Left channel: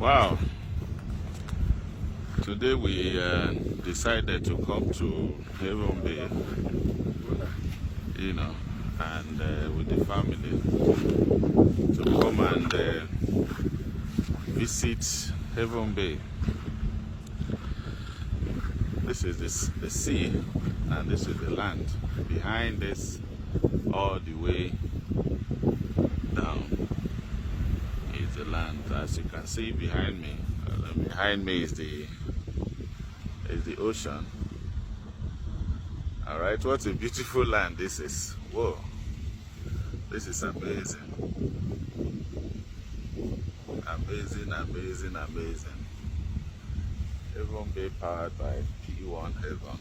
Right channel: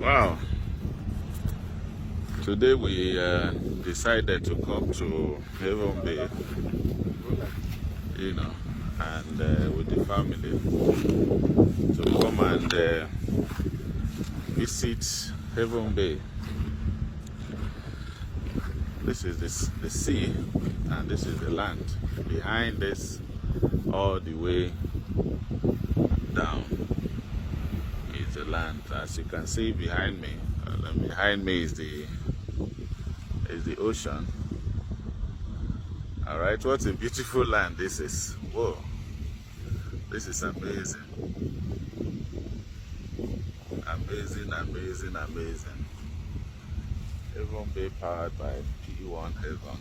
Wow, today we decided to come to Haven Bay, and with the family to come and visit Haven Bay. This is the sea and this is the land. Behind this, all the way down, is the land. As you can see behind me, is the ocean. All right, what a beautiful land this is. Whoa, this is amazing. Amazing. Haven Bay powered by P1 Haven.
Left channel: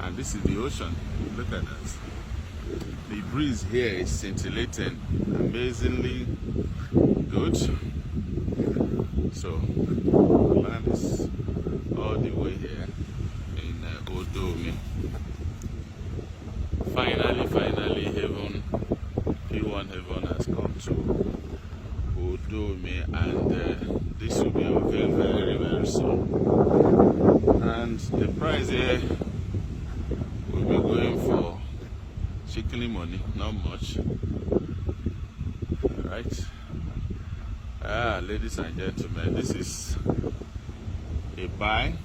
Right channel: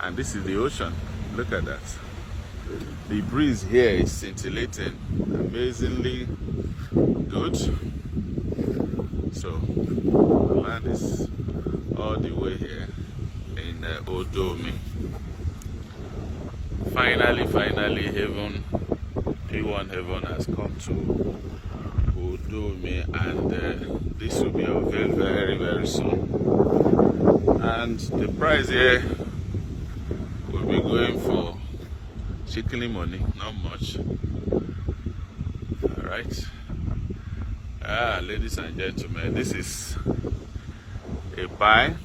And this is the ocean. Look at that. The breeze here is scintillating, amazingly good. So the land is all the way here in Ode-Omi. Finally, Haven, P1 Haven has come to Ode-Omi, and this will be unveiled very, very soon. And the price here will be going for chicken money, not much. All right. Ladies and gentlemen, this is a buy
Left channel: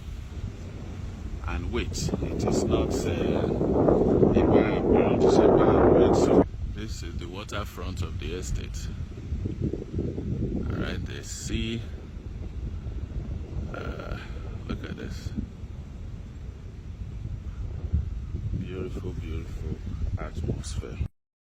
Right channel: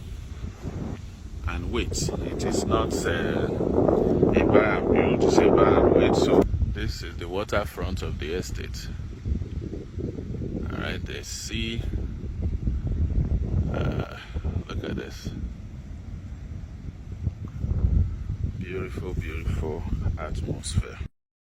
and wait. It is not a buy and build, it's a buy and wait. So this is the waterfront of the estate. All right, the sea. Look at this. Beautiful atmosphere.